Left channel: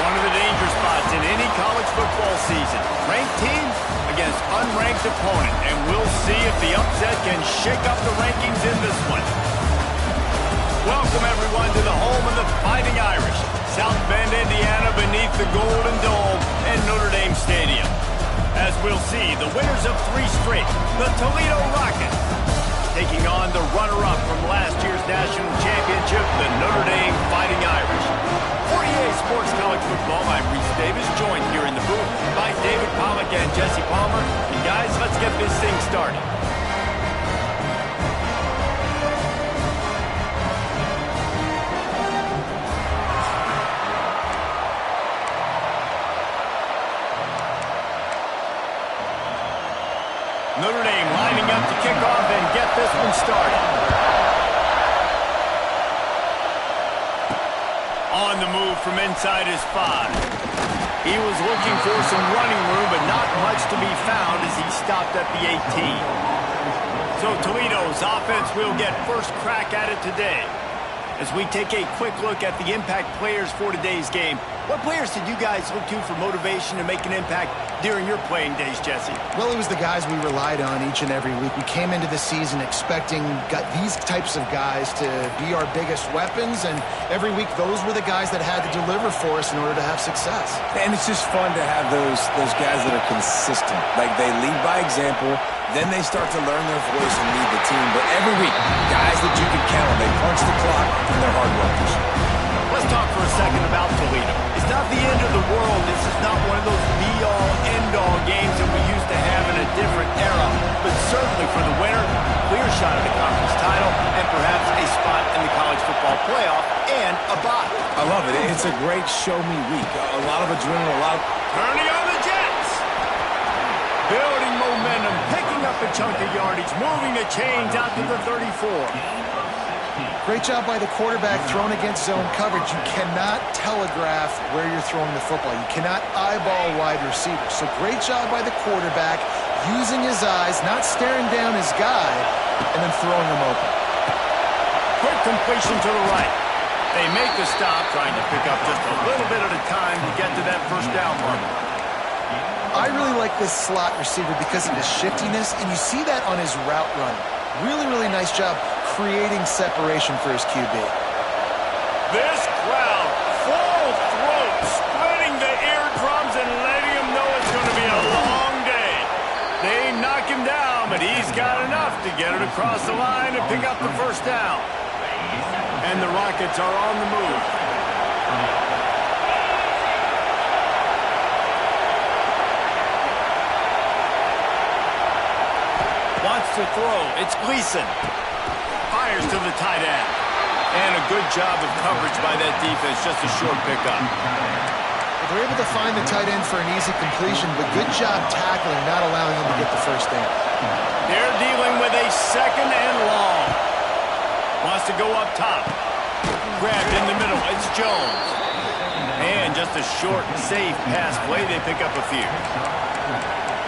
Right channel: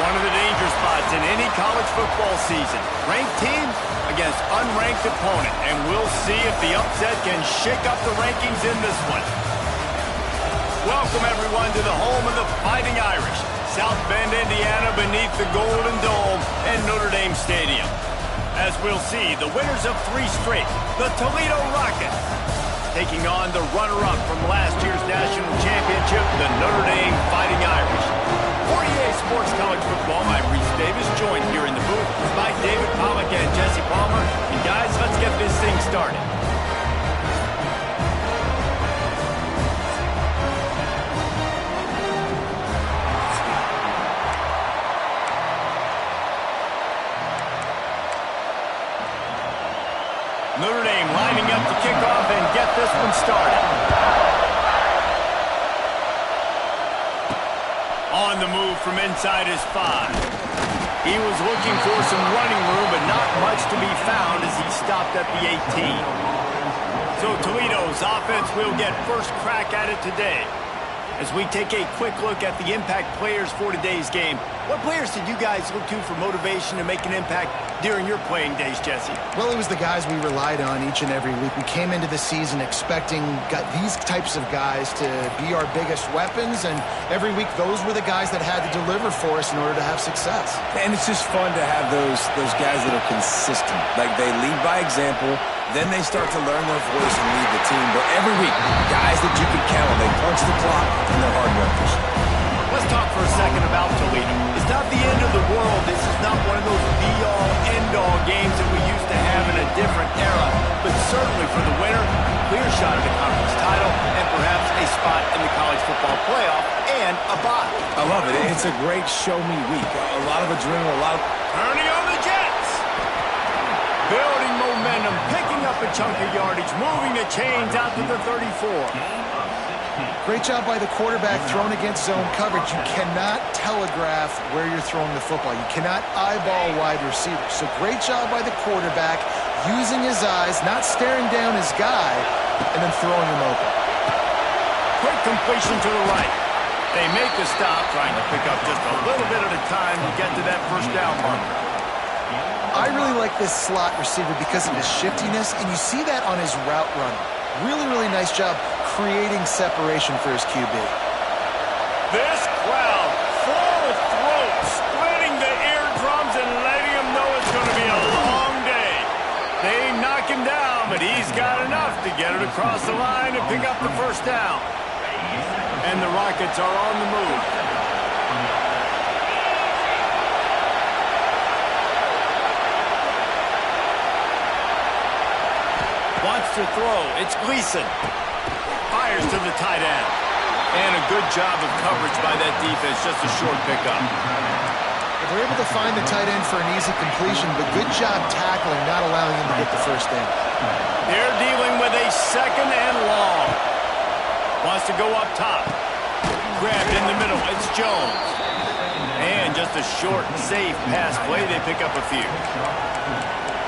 One of the danger spots in any college football season. Ranked team against unranked opponent. And we'll see if the upset can shake up the rankings in this one. Welcome, everyone, to the home of the Fighting Irish. South Bend, Indiana, beneath the Golden Dome and Notre Dame Stadium. As we'll see, the winners of 3 straight, the Toledo Rockets, taking on the runner-up from last year's national championship, the Notre Dame Fighting Irish. For EA Sports College Football, I'm Reese Davis, joined here in the booth by David Pollack and Jesse Palmer. And guys, let's get this thing started. Notre Dame lining up to kick off and get this one started. On the move from inside his 5. He was looking for some running room, but not much to be found as he stopped at the 18. So Toledo's offense will get first crack at it today. As we take a quick look at the impact players for today's game, what players did you guys look to for motivation to make an impact during your playing days, Jesse? Well, it was the guys we relied on each and every week. We came into the season expecting these types of guys to be our biggest weapons, and every week those were the guys that had to deliver for us in order to have success. And it's just fun to have those guys that are consistent. Like, they lead by example, then they start to learn their voice and lead the team. But every week, guys that you can count on, they punch the clock and they're hard workers. Let's talk for a second about Toledo. It's not the end of the world. This is not one of those be-all, end-all games that we used to have in a different era. But certainly for the winner, clear shot at a conference title and perhaps a spot in the college football playoff and a bye. I love it. It's a great show-me week. A lot of adrenaline, a lot of... Turning on the Jets. Building momentum, picking up a chunk of yardage, moving the chains out to the 34. Great job by the quarterback thrown against zone coverage. You cannot telegraph where you're throwing the football. You cannot eyeball wide receivers. So great job by the quarterback using his eyes, not staring down his guy, and then throwing him open. Quick completion to the right. They make the stop, trying to pick up just a little bit at a time to get to that first down marker. I really like this slot receiver because of his shiftiness, and you see that on his route running. Really, really nice job creating separation for his QB. This crowd, full throat, splitting the eardrums and letting him know it's going to be a long day. They knock him down, but he's got enough to get it across the line and pick up the first down. And the Rockets are on the move. Wants to throw. It's Gleason. Fires to the tight end. And a good job of coverage by that defense. Just a short pickup. They're able to find the tight end for an easy completion, but good job tackling, not allowing him to get the first down. They're dealing with a second and long. Wants to go up top. Grabbed in the middle. It's Jones. And just a short, safe pass play. They pick up a few.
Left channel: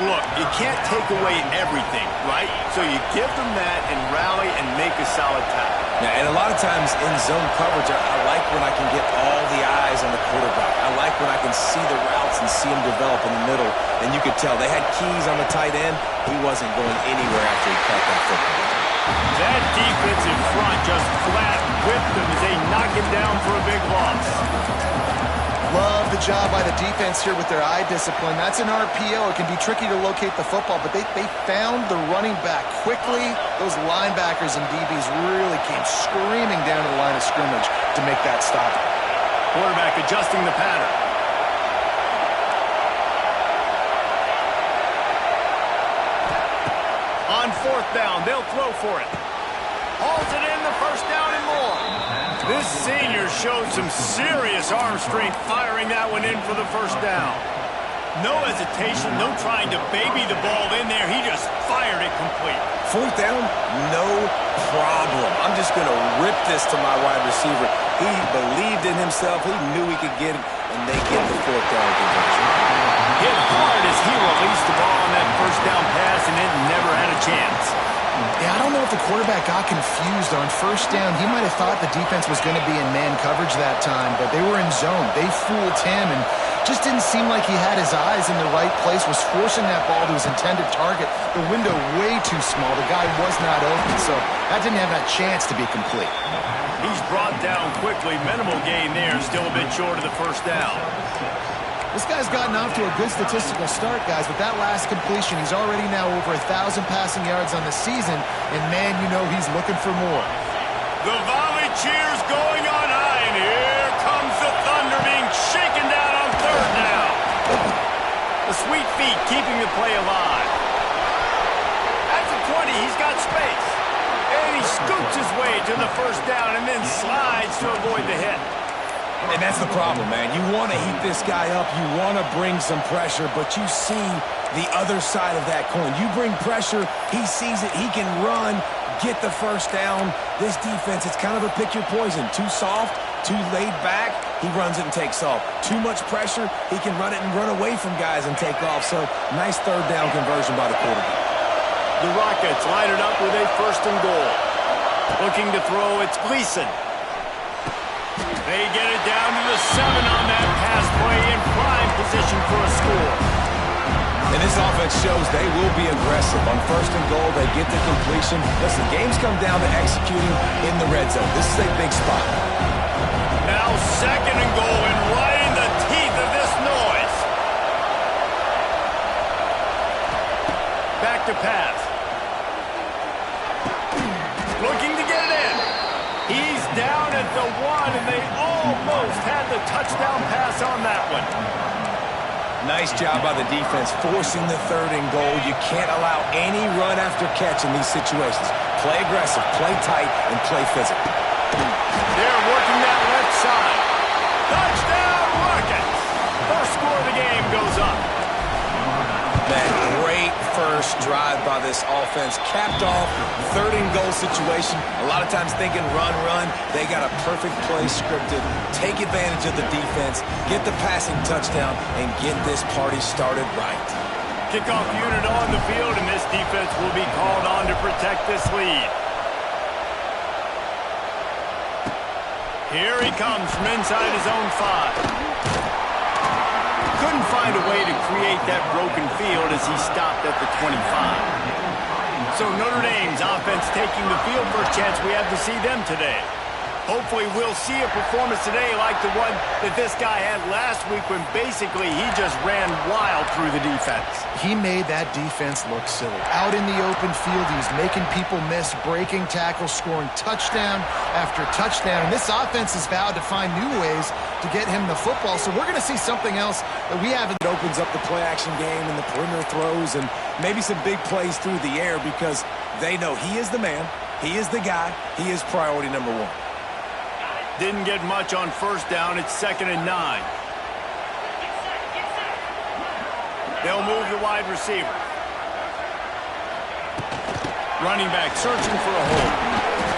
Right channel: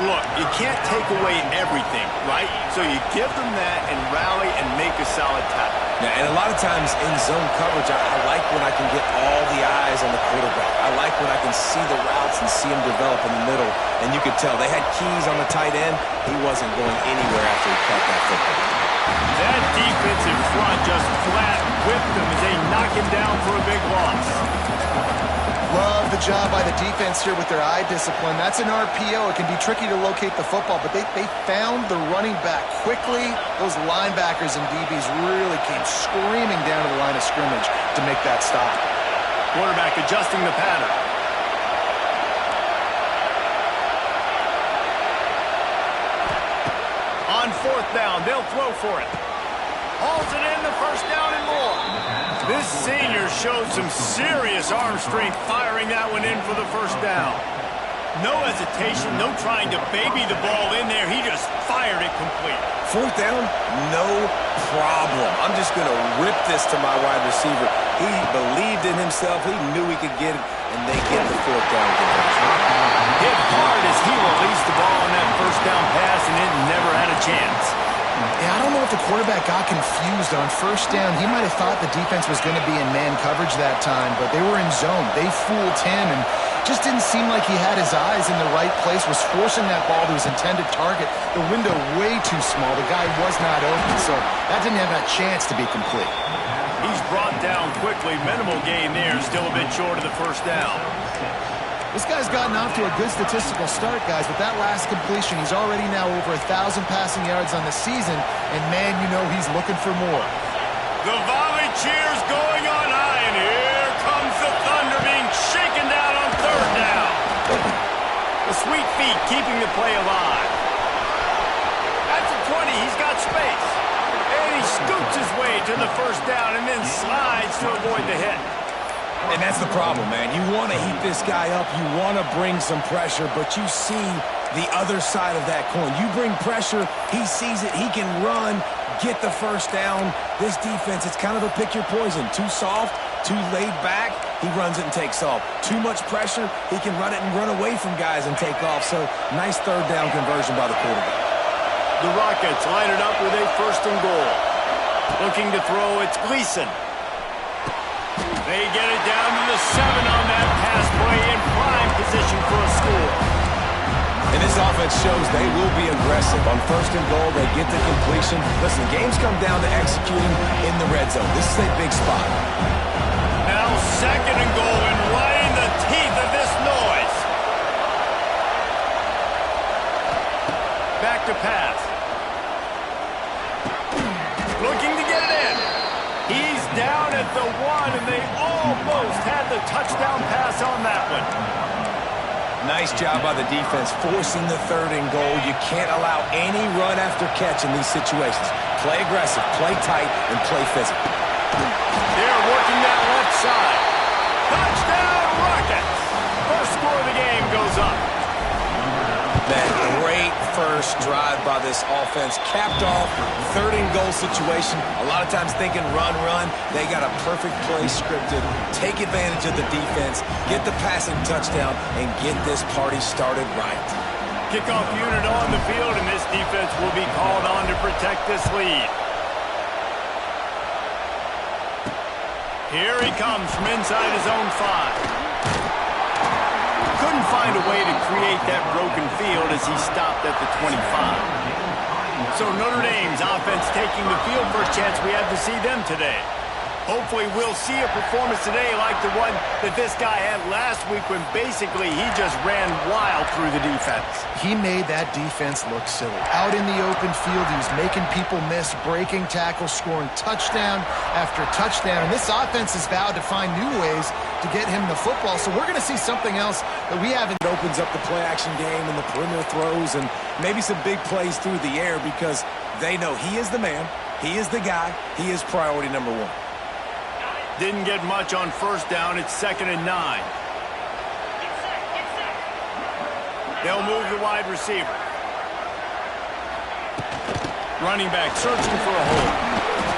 Look, you can't take away everything, right? So you give them that and rally and make a solid tackle. Yeah, and a lot of times in zone coverage, I like when I can get all the eyes on the quarterback. I like when I can see the routes and see them develop in the middle. And you could tell they had keys on the tight end. He wasn't going anywhere after he caught that football. That defensive front just flat whipped him as they knock him down for a big loss. Love the job by the defense here with their eye discipline. That's an RPO. It can be tricky to locate the football, but they found the running back quickly. Those linebackers and DBs really came screaming down to the line of scrimmage to make that stop. Quarterback adjusting the pattern. On 4th down, they'll throw for it. Hauls it in, the first down and more. This senior showed some serious arm strength firing that one in for the first down. No hesitation, no trying to baby the ball in there. He just fired it complete. 4th down, no problem. I'm just going to rip this to my wide receiver. He believed in himself. He knew he could get it, and they get the 4th down conversion. Hit hard as he released the ball on that first down pass, and it never had a chance. Yeah, I don't know if the quarterback got confused on first down. He might have thought the defense was going to be in man coverage that time, but they were in zone. They fooled him and just didn't seem like he had his eyes in the right place, was forcing that ball to his intended target. The window way too small. The guy was not open, so that didn't have a chance to be complete. He's brought down quickly. Minimal gain there. Still a bit short of the first down. This guy's gotten off to a good statistical start, guys. With that last completion, he's already now over 1,000 passing yards on the season, and man, you know he's looking for more. The volley cheers going on high, and here comes the thunder being shaken down on third down. The sweet feet keeping the play alive. At the 20, he's got space. And he scoots his way to the first down and then slides to avoid the hit. And that's the problem, man. You want to heat this guy up. You want to bring some pressure, but you see the other side of that coin. You bring pressure, he sees it, he can run, get the first down. This defense, it's kind of a pick your poison. Too soft, too laid back, he runs it and takes off. Too much pressure, he can run it and run away from guys and take off. So, nice third down conversion by the quarterback. The Rockets line it up with a first and goal. Looking to throw, it's Gleason. They get it down to the 7 on that pass play in prime position for a score. And this offense shows they will be aggressive. On first and goal, they get the completion. Listen, games come down to executing in the red zone. This is a big spot. Now second and goal and right in the teeth of this noise. Back to pass. Looking to get it in. He's down at the 1, and they almost had the touchdown pass on that one. Nice job by the defense forcing the third and goal. You can't allow any run after catch in these situations. Play aggressive, play tight, and play physical. They're working that left side. Touchdown, Rockets! First score of the game goes up. Man, great first drive by this offense. Capped off, third and goal situation. A lot of times thinking run, run. They got a perfect play scripted. Take advantage of the defense, get the passing touchdown, and get this party started right. Kickoff unit on the field, and this defense will be called on to protect this lead. Here he comes from inside his own 5. Couldn't find a way to create that broken field as he stopped at the 25. So Notre Dame's offense taking the field for a chance we have to see them today. Hopefully we'll see a performance today like the one that this guy had last week when basically he just ran wild through the defense. He made that defense look silly. Out in the open field, he was making people miss, breaking tackles, scoring touchdown after touchdown. And this offense has vowed to find new ways to get him the football. So we're going to see something else that we haven't. It opens up the play-action game and the perimeter throws and maybe some big plays through the air because they know he is the man, he is the guy, he is priority number 1. Didn't get much on first down. It's 2nd and 9. They'll move the wide receiver. Running back searching for a hole.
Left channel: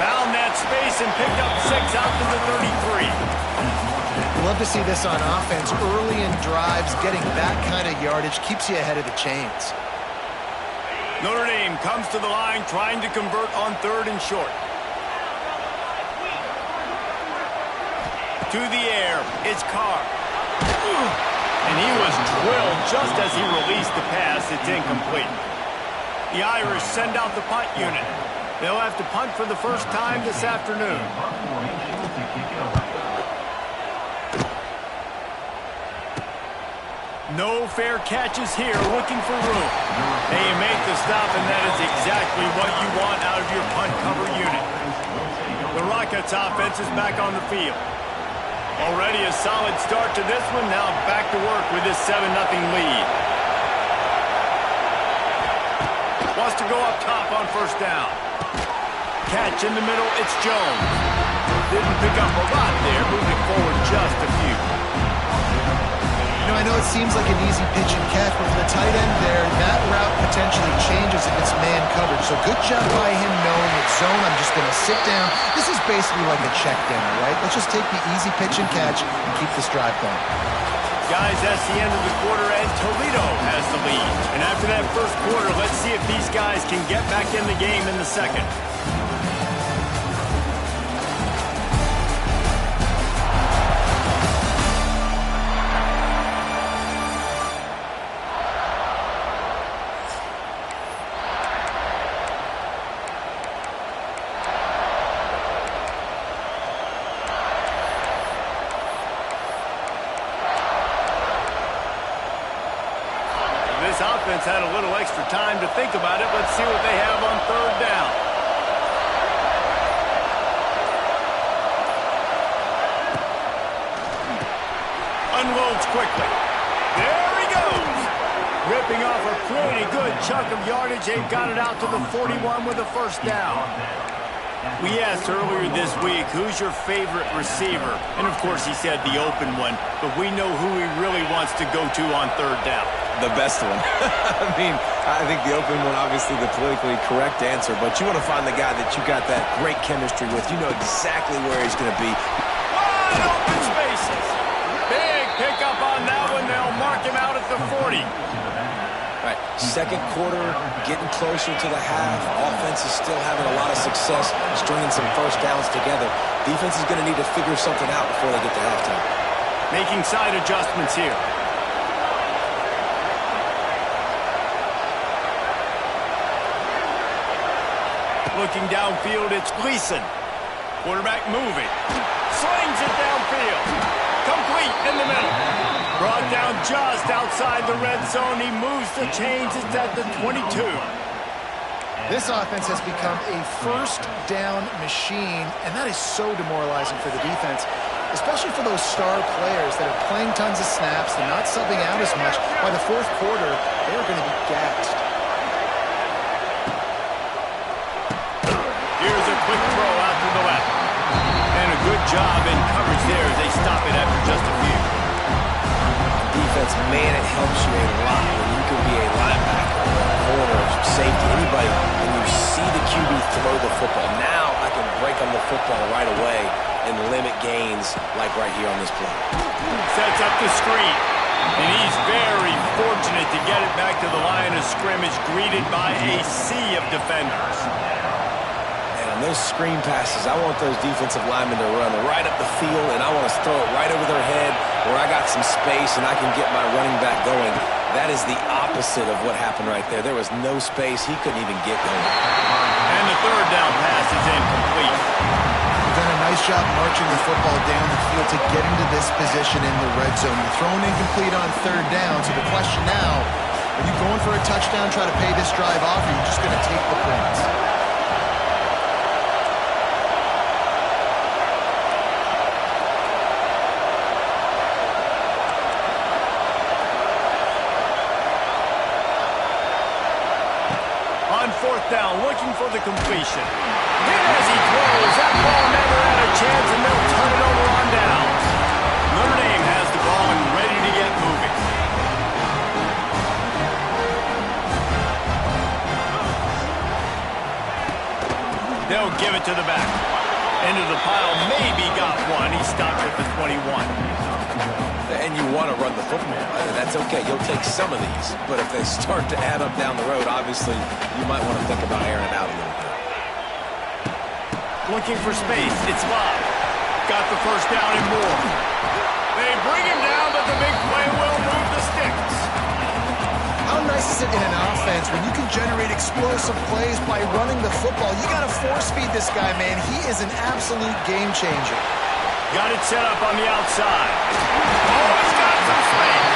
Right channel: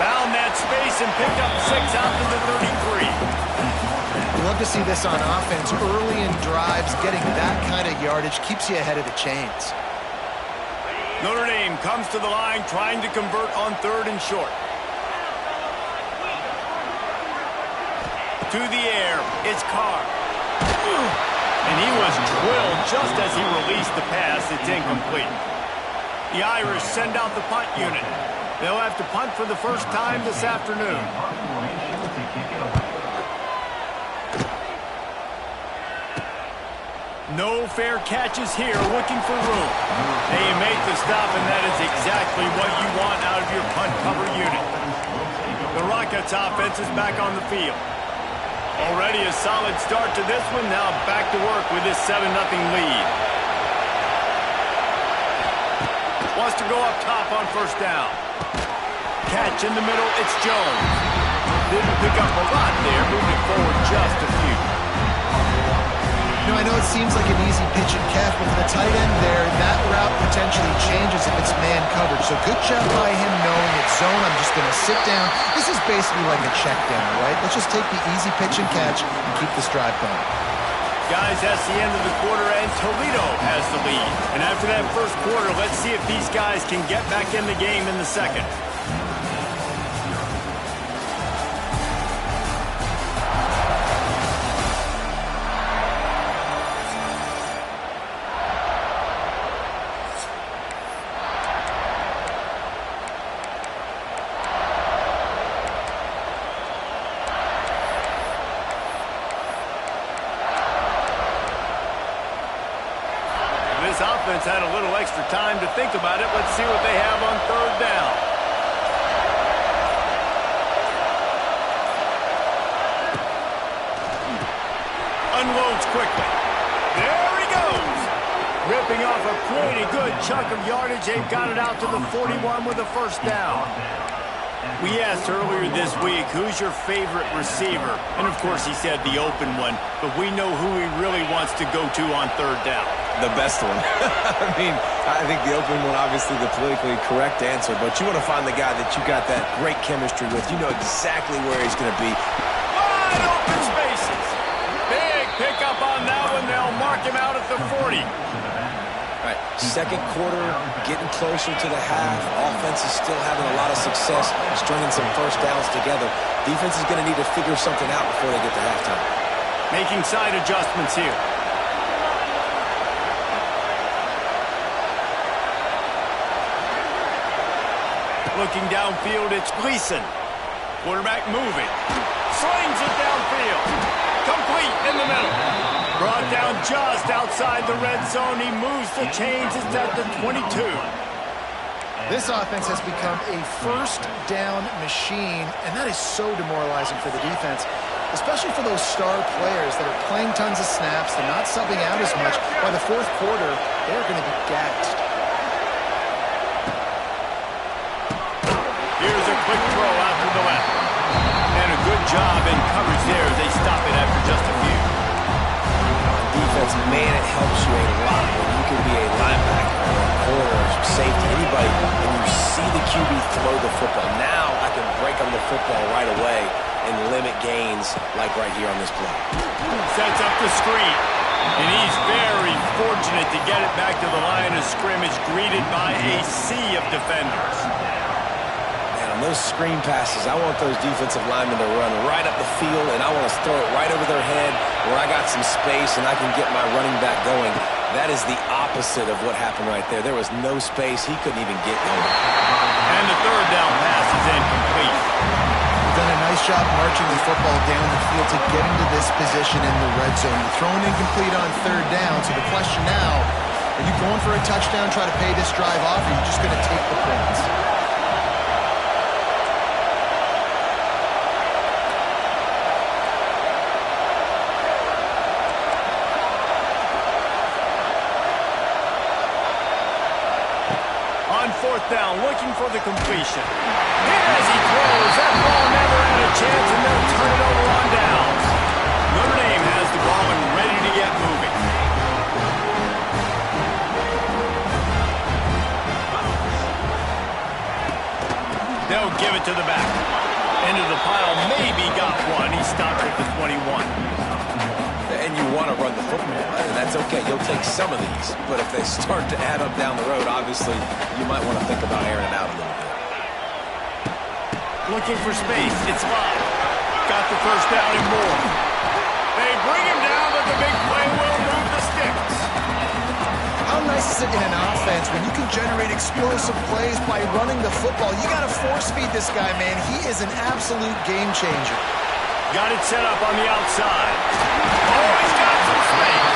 Found that space and picked up 6 out to the 33. Love to see this on offense. Early in drives, getting that kind of yardage keeps you ahead of the chains. Notre Dame comes to the line trying to convert on 3rd and short. To the air, it's Carr. And he was drilled just as he released the pass. It's incomplete. The Irish send out the punt unit. They'll have to punt for the first time this afternoon. No fair catches here, looking for room. They make the stop, and that is exactly what you want out of your punt cover unit. The Rockets offense is back on the field. Already a solid start to this one. Now back to work with this 7-0 lead. Wants to go up top on first down. Catch in the middle, it's Jones. Didn't pick up a lot there, moved it forward just a few. You know, I know it seems like an easy pitch and catch, but for the tight end there, that route potentially changes if it's man coverage. So good job by him knowing it's zone. I'm just going to sit down. This is basically like a check down, right? Let's just take the easy pitch and catch and keep this drive going. Guys, that's the end of the quarter, and Toledo has the lead. And after that first quarter, let's see if these guys can get back in the game in the second. This offense had a little extra time to think about it. Let's see what they have on third down. Unloads quickly. There he goes. Ripping off a pretty good chunk of yardage. They've got it out to the 41 with a first down. We asked earlier this week, who's your favorite receiver? And, of course, he said the open one. But we know who he really wants to go to on third down. The best one. I mean, I think the open one, obviously the politically correct answer, but you want to find the guy that you got that great chemistry with. You know exactly where he's going to be. Wide open spaces. Big pickup on that one. They'll mark him out at the 40. All right, second quarter, getting closer to the half. Offense is still having a lot of success stringing some first downs together. Defense is going to need to figure something out before they get to halftime. Making side adjustments here. Looking downfield, it's Gleason. Quarterback moving. Slings it downfield. Complete in the middle. Brought down just outside the red zone. He moves the chains. It's at the 22. This offense has become a first down machine, and that is so demoralizing for the defense, especially for those star players that are playing tons of snaps. They're not subbing out as much. By the fourth quarter, they're going to be gassed. Here's a quick throw out to the left. And a good job in coverage there as they stop it after just a few. Defense, man, it helps you a lot when you can be a linebacker or a corner, safety, anybody, and you see the QB throw the football. Now I can break on the football right away and limit gains like right here on this play. Sets up the screen. And he's very fortunate to get it back to the line of scrimmage, greeted by a sea of defenders. On those screen passes, I want those defensive linemen to run right up the field, and I want to throw it right over their head where I got some space and I can get my running back going. That is the opposite of what happened right there. There was no space. He couldn't even get going. And the third down pass is incomplete. You've done a nice job marching the football down the field to get into this position in the red zone. You're throwing incomplete on third down, so the question now, are you going for a touchdown, try to pay this drive off, or are you just going to take the points? On fourth down, looking for the completion. Hit as he throws. That ball never had a chance, and they'll turn it over on downs. Notre Dame has the ball and ready to get moving. They'll give it to the back. Into the pile, maybe got one. He stopped at the 21. And you want to run the football. That's okay. You'll take some of these. But if they start to add up down the road, obviously, you might want to think about airing it out a little bit. Looking for space. It's Love. Got the first down and more. They bring him down, but the big play will move the sticks. How nice is it in an offense when you can generate explosive plays by running the football? You got to force feed this guy, man. He is an absolute game changer. Got it set up on the outside. Oh, he's got some space.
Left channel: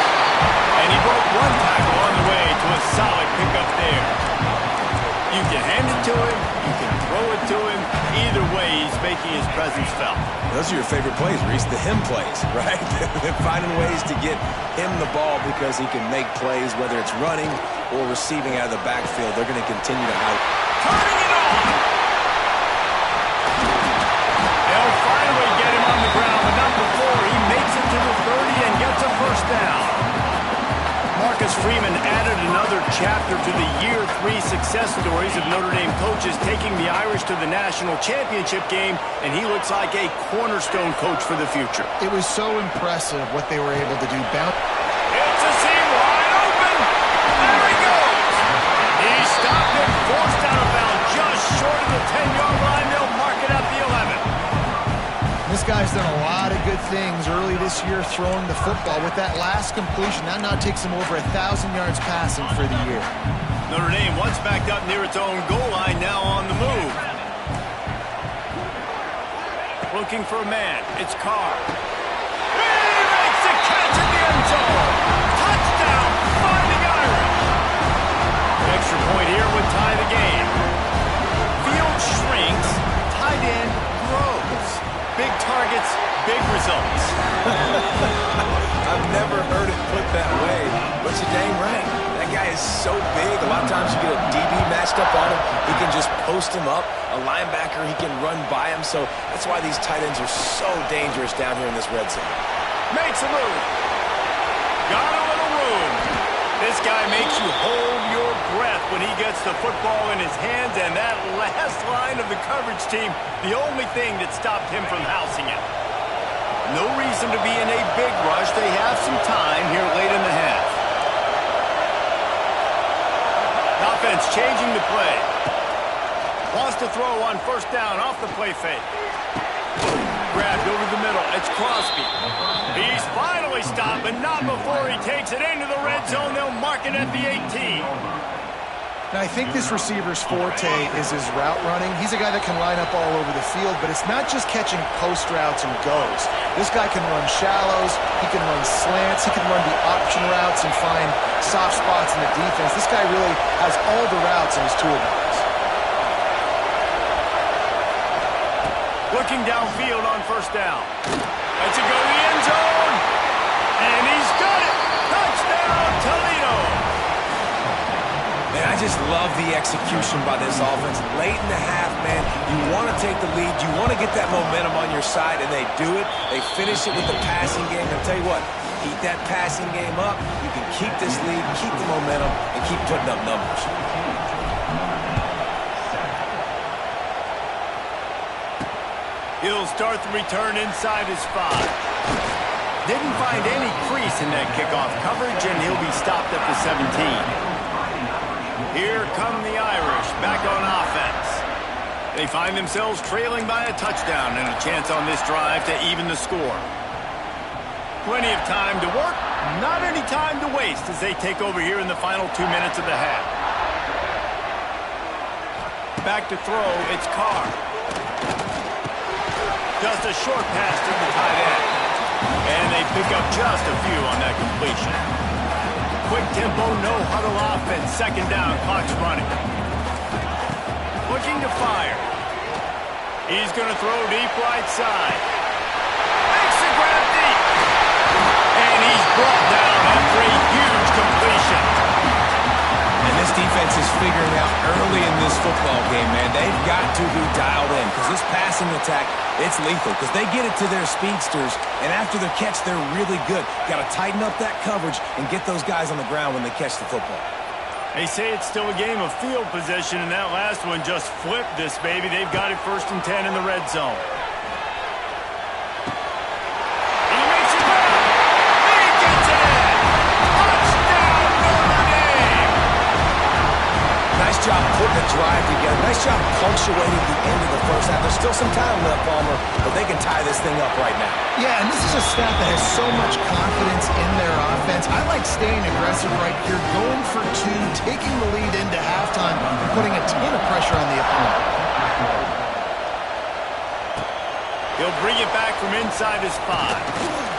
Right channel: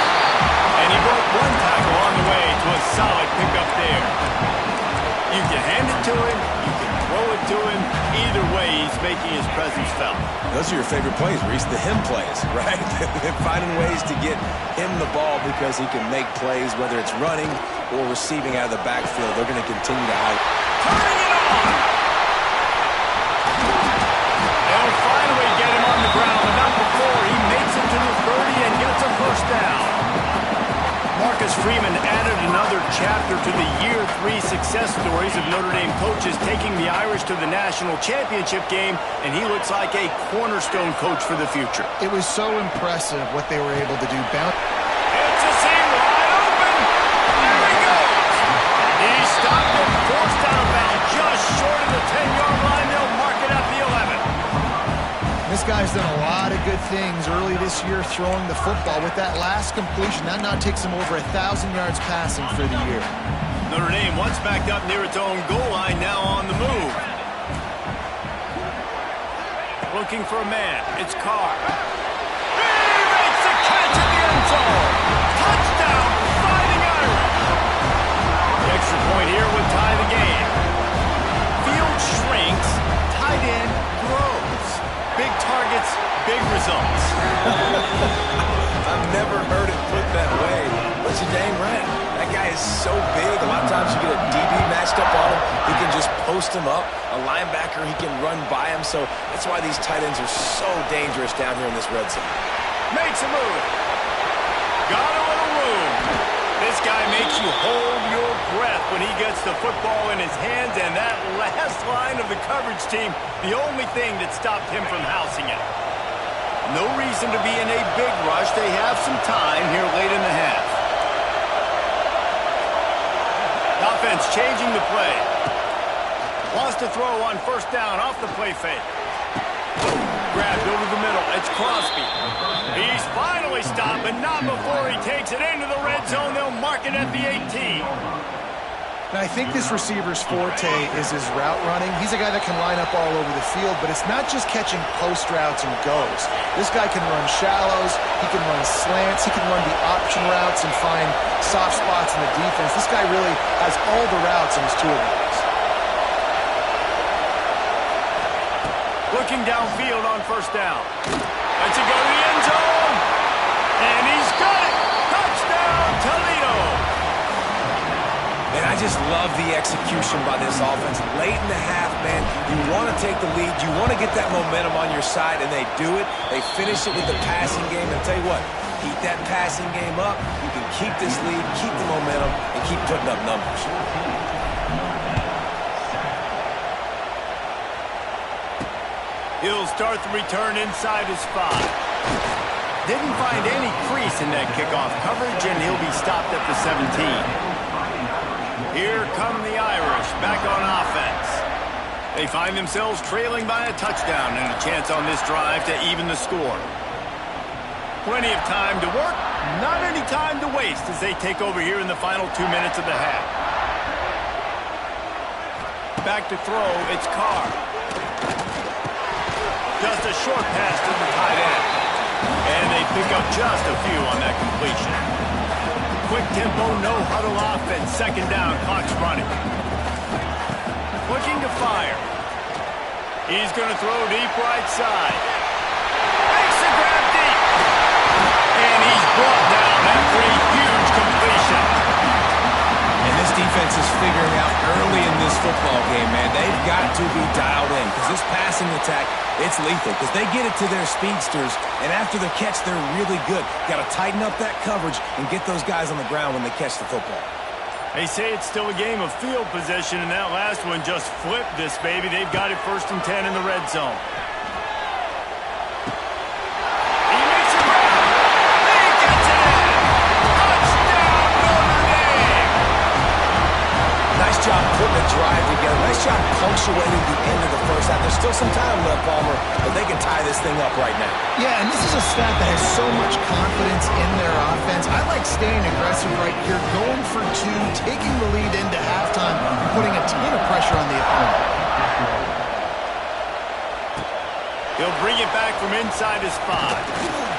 And he broke one tackle on the way to a solid pickup there. You can hand it to him. You can throw it to him. Either way, he's making his presence felt. Those are your favorite plays, Reese, the him plays, right? Finding ways to get him the ball because he can make plays, whether it's running or receiving out of the backfield. They're going to continue to hype. Turning it on! They'll finally get him on the ground, but not before he makes it to the 30 and gets a first down. Marcus Dennis Freeman added another chapter to the year 3 success stories of Notre Dame coaches taking the Irish to the national championship game, and he looks like a cornerstone coach for the future. It was so impressive what they were able to do. It's a seam wide open. There he goes. He stopped and forced out of bounds just short of the 10-yard line. They'll mark it at the 11. This guy's done a lot of good things early this year throwing the football. With that last completion, that now takes him over 1,000 yards passing for the year. Notre Dame once backed up near its own goal line, now on the move. Looking for a man. It's Carr. He makes the catch at the end zone. Touchdown, Fighting Irish. The extra point here would tie the game. Field shrinks, tight end grows. Big targets, big results. I've never heard it put that way, but you're dang right. That guy is so big. A lot of times you get a DB matched up on him. He can just post him up. A linebacker, he can run by him. So that's why these tight ends are so dangerous down here in this red zone. Makes a move. Got a little room. This guy makes you hold your breath when he gets the football in his hands, and that last line of the coverage team, the only thing that stopped him from housing it. No reason to be in a big rush. They have some time here late in the half. Offense changing the play. Wants to throw on first down off the play fake. Grabbed over the middle. It's Crosby. He's finally stopped, but not before he takes it into the red zone. They'll mark it at the 18. Now, I think this receiver's forte is his route running. He's a guy that can line up all over the field, but it's not just catching post routes and goes. This guy can run shallows. He can run slants. He can run the option routes and find soft spots in the defense. This guy really has all the routes in his toolbox. Looking downfield on first down. Lets it go to the end zone. And he's got it. Touchdown, Toledo. Man, I just love the execution by this offense. Late in the half, man, you want to take the lead. You want to get that momentum on your side, and they do it. They finish it with the passing game. And I'll tell you what, keep that passing game up. You can keep this lead, keep the momentum, and keep putting up numbers. He'll start the return inside his 5. Didn't find any crease in that kickoff coverage, and he'll be stopped at the 17. Here come the Irish back on offense. They find themselves trailing by a touchdown and a chance on this drive to even the score. Plenty of time to work, not any time to waste as they take over here in the final 2 minutes of the half. Back to throw, it's Carr. Just a short pass to the tight end. And they pick up just a few on that completion. Quick tempo, no huddle offense. Second down, clock's running. Looking to fire. He's going to throw deep right side. Makes the grab deep. And he's brought down after a huge completion. And this defense is figuring out early in this football game, man. They've got to be dialed in because this passing attack, it's lethal because they get it to their speedsters, and after the catch, they're really good. Got to tighten up that coverage and get those guys on the ground when they catch the football. They say it's still a game of field possession, and that last one just flipped this baby. They've got it 1st and 10 in the red zone. He makes a grab. He gets it in. Touchdown, Notre Dame. Nice job putting a drive together. Nice job punctuating the end of the first half. There's still some time left, Palmer, but they can tie this thing up right now. Yeah, and this is a staff that has so much confidence in their offense. I like staying aggressive right here, going for 2, taking the lead into halftime, and putting a ton of pressure on the opponent. He'll bring it back from inside his 5.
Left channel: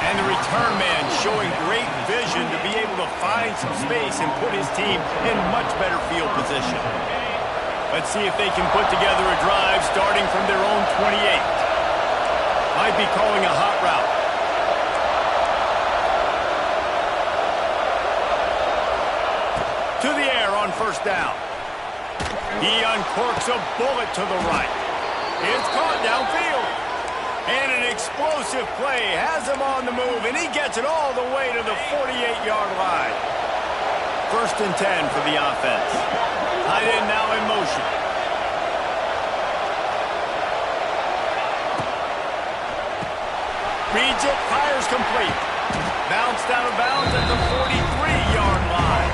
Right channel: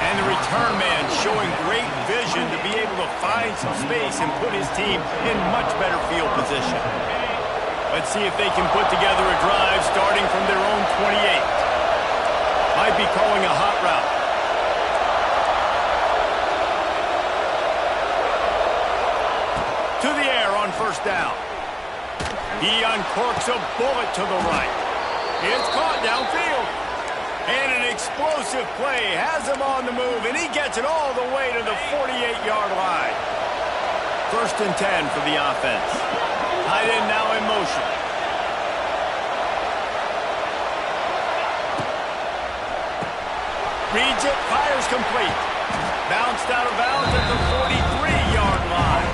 And the return man showing great vision to be able to find some space and put his team in much better field position. Let's see if they can put together a drive starting from their own 28. Might be calling a hot route. To the air on first down. He uncorks a bullet to the right. It's caught downfield. And an explosive play. Has him on the move, and he gets it all the way to the 48-yard line. 1st and 10 for the offense. Tight end now in motion. Reads it, fires complete. Bounced out of bounds at the 43-yard line.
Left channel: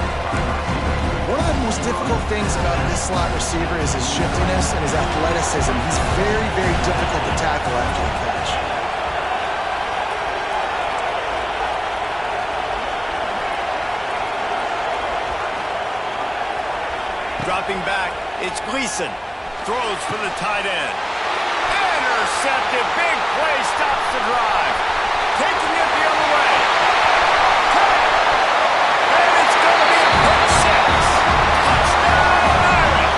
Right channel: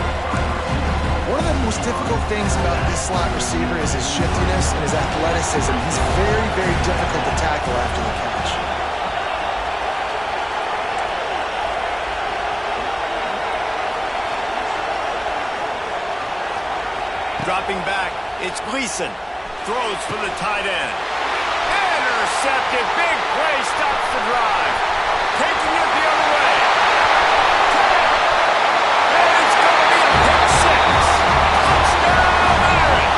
One of the most difficult things about this slot receiver is his shiftiness and his athleticism. He's very, very difficult to tackle after the catch. Dropping back, it's Gleason. Throws for the tight end. Intercepted. Big play stops the drive. Taking it the other way. 10. And it's going to be a pick six. Touchdown, Irish.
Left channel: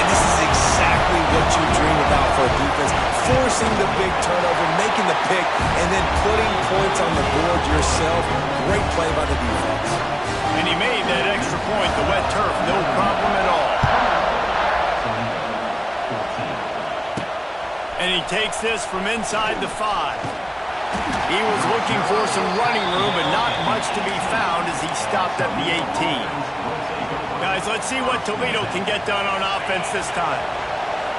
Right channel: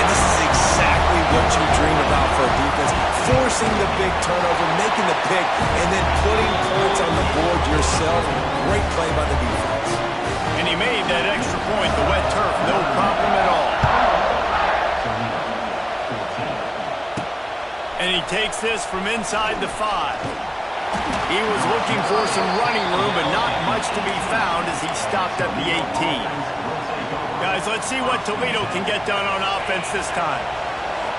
And this is exactly what you dream about for a defense. Forcing the big turnover, making the pick, and then putting points on the board yourself. Great play by the defense. And he made that extra point, the wet turf, no problem at all. And he takes this from inside the 5. He was looking for some running room, but not much to be found as he stopped at the 18. Guys, let's see what Toledo can get done on offense this time.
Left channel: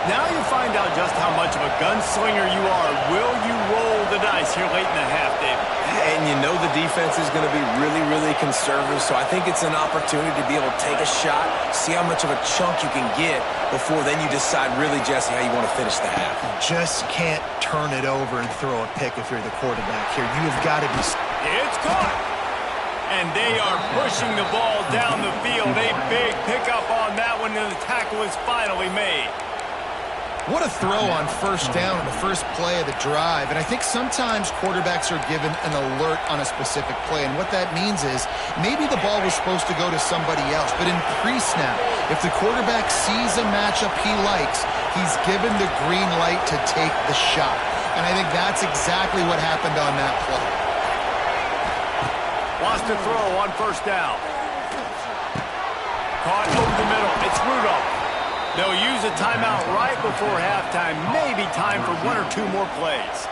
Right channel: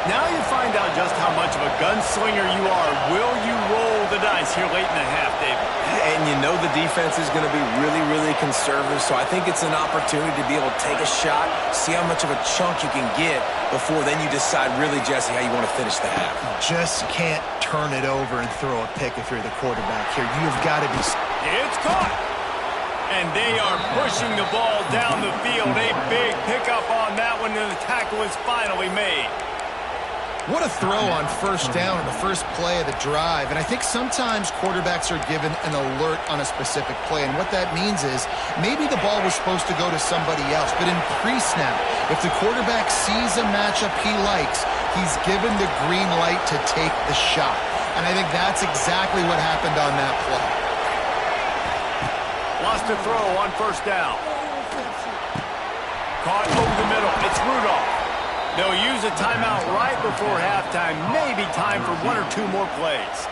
Now you find out just how much of a gunslinger you are. Will you roll the dice here late in the half, David? And you know the defense is going to be really, really conservative, so I think it's an opportunity to be able to take a shot, see how much of a chunk you can get before then you decide really, Jesse, how you want to finish the half. You just can't turn it over and throw a pick if you're the quarterback here. You have got to be... It's caught! And they are pushing the ball down the field. A big pickup on that one, and the tackle is finally made. What a throw on 1st down on the first play of the drive. And I think sometimes quarterbacks are given an alert on a specific play. And what that means is maybe the ball was supposed to go to somebody else. But in pre-snap, if the quarterback sees a matchup he likes, he's given the green light to take the shot. And I think that's exactly what happened on that play. Lost a throw on 1st down. Caught over the middle. It's Rudolph. They'll use a timeout right before halftime. Maybe time for 1 or 2 more plays.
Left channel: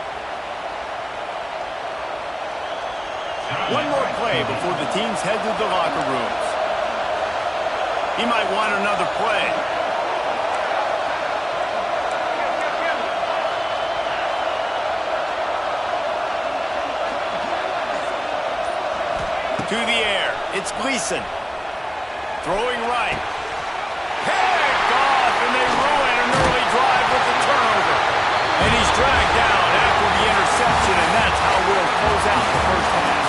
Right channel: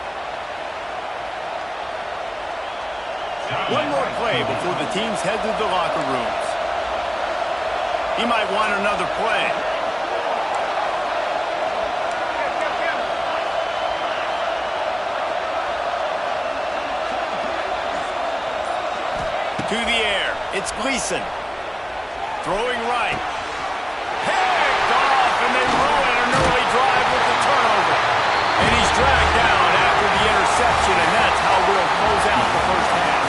One more play before the teams head to the locker rooms. He might want another play. To the air. It's Gleason. Throwing right. Picked off, and they ruin an early drive with the turnover. And he's dragged down after the interception, and that's how we'll close out the first half.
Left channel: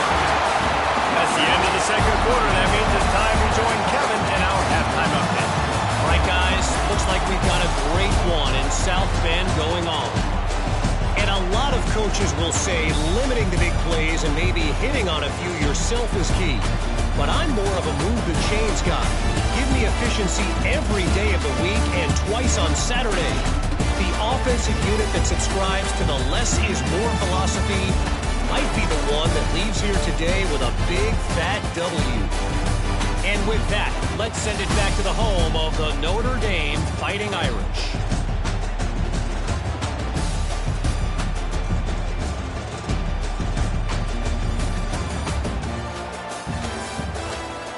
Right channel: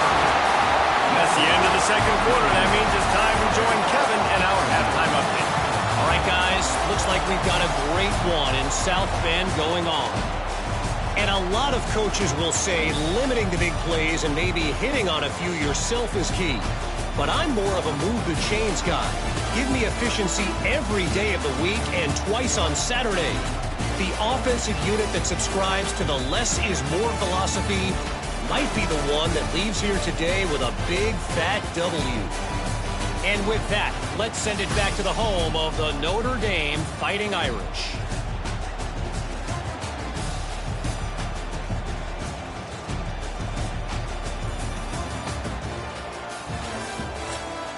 That's the end of the second quarter. That means it's time to join Kevin in our halftime update. All right, guys, looks like we've got a great one in South Bend going on. And a lot of coaches will say limiting the big plays and maybe hitting on a few yourself is key. But I'm more of a move the chains guy. Give me efficiency every day of the week and twice on Saturday. The offensive unit that subscribes to the less is more philosophy might be the one that leaves here today with a big fat W. And with that, let's send it back to the home of the Notre Dame Fighting Irish.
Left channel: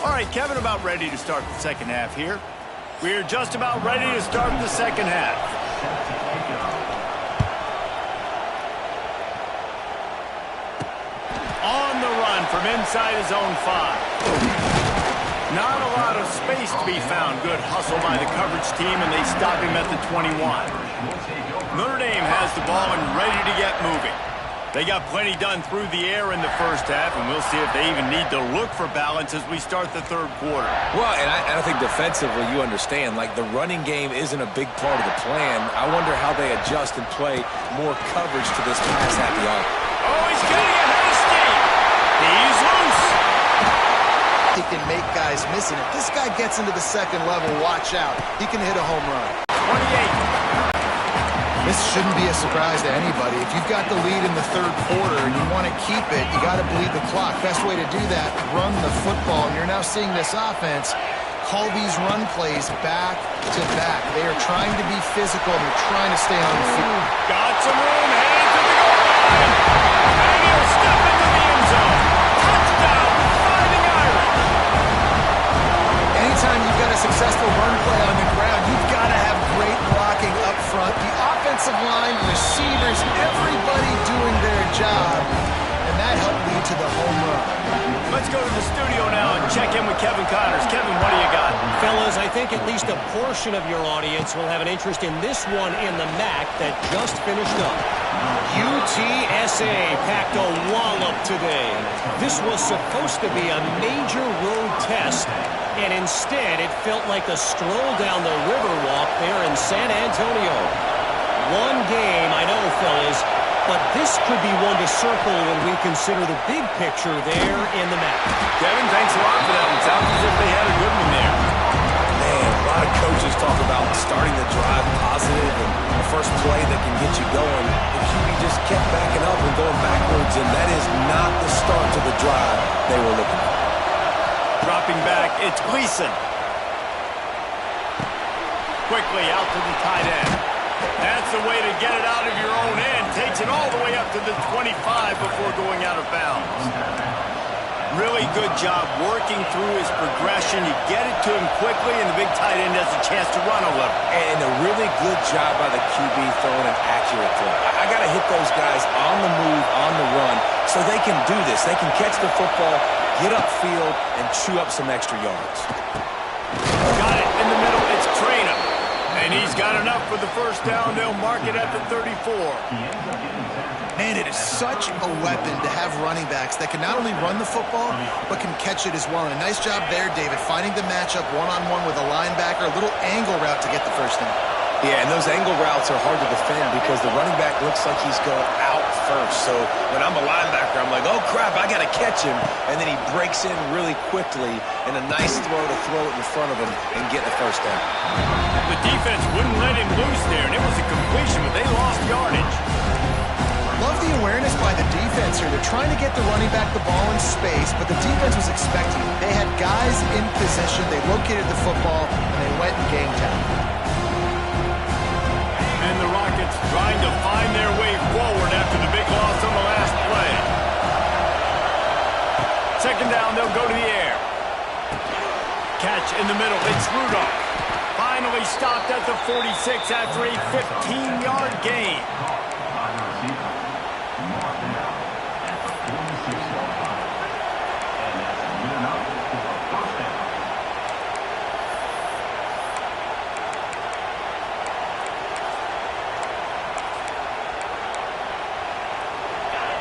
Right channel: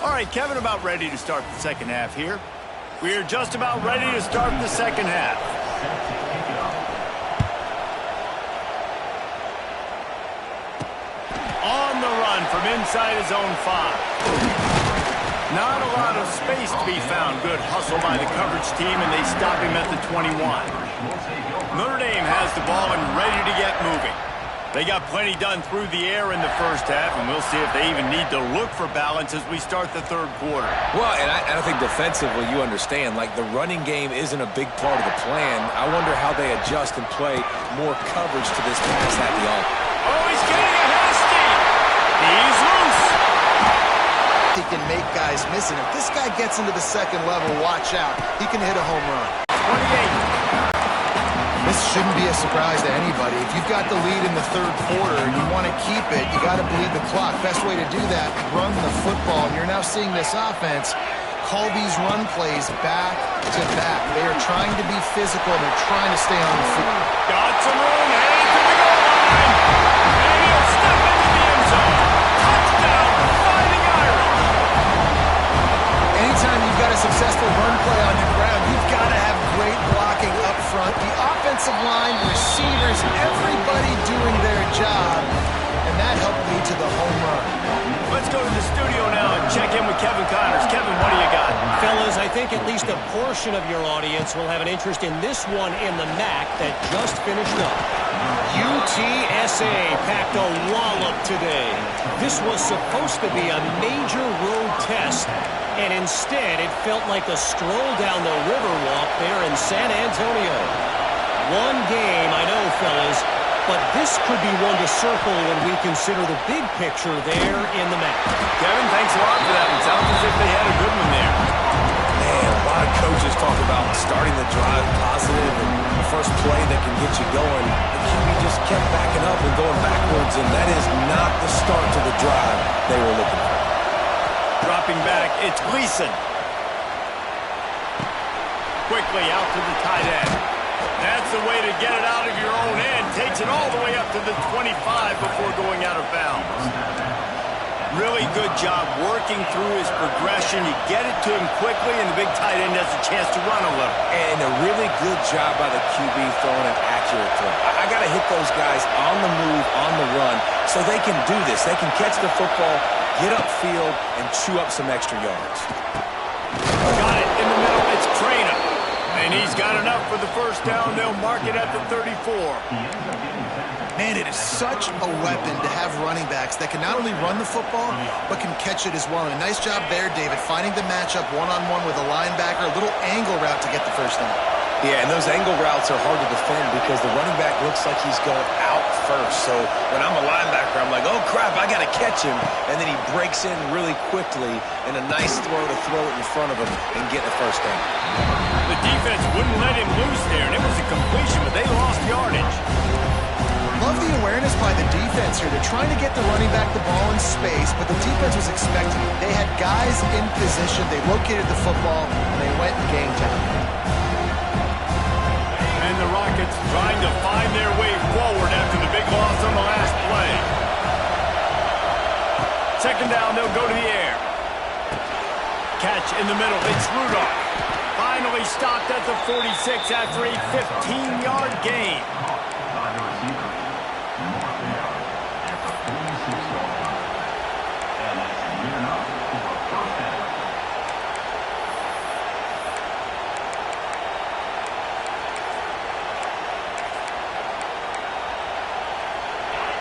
All right, Kevin, about ready to start the second half here. We're just about ready to start the second half. On the run from inside his own 5. Not a lot of space to be found. Good hustle by the coverage team, and they stop him at the 21. Notre Dame has the ball and ready to get moving. They got plenty done through the air in the first half, and we'll see if they even need to look for balance as we start the third quarter. Well, and I think defensively, you understand, like the running game isn't a big part of the plan. I wonder how they adjust and play more coverage to this pass-happy offense. Oh, he's getting ahead of steam. He's loose. He can make guys miss it. If this guy gets into the second level, watch out. He can hit a home run. 28. This shouldn't be a surprise to anybody. If you've got the lead in the third quarter and you want to keep it, you got to bleed the clock. Best way to do that, run the football. And you're now seeing this offense call these run plays back to back. They are trying to be physical, and they're trying to stay on the field. Got some room, heading to the goal line. And he'll step into the end zone. Touchdown, Fighting Irish. Anytime you've got a successful run play on the ground, you've got to have great blocking up front. The offensive line, receivers, everybody doing their job. And that helped lead to the home run. Let's go to the studio now and check in with Kevin Connors. Kevin, what do you got? Fellas, I think at least a portion of your audience will have an interest in this one in the MAC that just finished up. UTSA packed a wallop today. This was supposed to be a major road test, and instead it felt like a stroll down the Riverwalk there in San Antonio. One game, I know, fellas, but this could be one to circle when we consider the big picture there in the MAC. Kevin, thanks a lot for that one. Sounds as if they had a good one there. Man, a lot of coaches talk about starting the drive positive and the first play that can get you going. The QB just kept backing up and going backwards, and that is not the start to the drive they were looking for. Dropping back, it's Gleason. Quickly out to the tight end. That's the way to get it out of your own end. Takes it all the way up to the 25 before going out of bounds. Really good job working through his progression. You get it to him quickly, and the big tight end has a chance to run a little. And a really good job by the QB throwing an accurate throw. I got to hit those guys on the move, on the run, so they can do this. They can catch the football, get upfield, and chew up some extra yards. Got it in the middle. It's Trainer. And he's got enough for the first down. They'll mark it at the 34. Man, it is such a weapon to have running backs that can not only run the football, but can catch it as well. And a nice job there, David, finding the matchup one-on-one with a linebacker, a little angle route to get the first down. Yeah, and those angle routes are hard to defend because the running back looks like he's going out first. So when I'm a linebacker, I'm like, oh, crap, I got to catch him. And then he breaks in really quickly, and a nice throw to throw it in front of him and get the first down. The defense wouldn't let him loose there, and it was a completion, but they lost yardage. Love the awareness by the defense here. They're trying to get the running back the ball in space, but the defense was expecting it. They had guys in position. They located the football, and they went and game tackle. And the Rockets trying to find their way forward after the big loss on the last play. Second down, they'll go to the air. Catch in the middle, it's Rudolph. Finally stopped at the 46 after a 15-yard gain.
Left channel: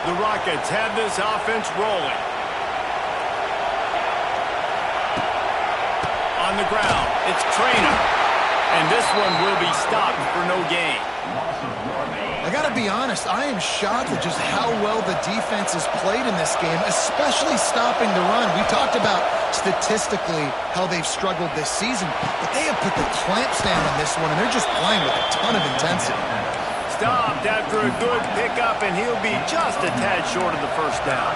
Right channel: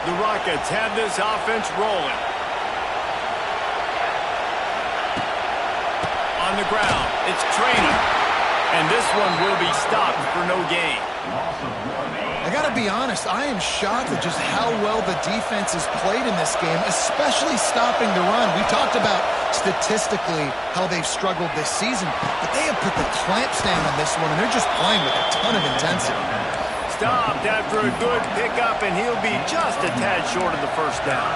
The Rockets have this offense rolling. On the ground, it's Trainer. And this one will be stopped for no gain. I got to be honest, I am shocked at just how well the defense has played in this game, especially stopping the run. We talked about statistically how they've struggled this season, but they have put the clamps down on this one, and they're just playing with a ton of intensity. Stopped after a good pickup, and he'll be just a tad short of the first down.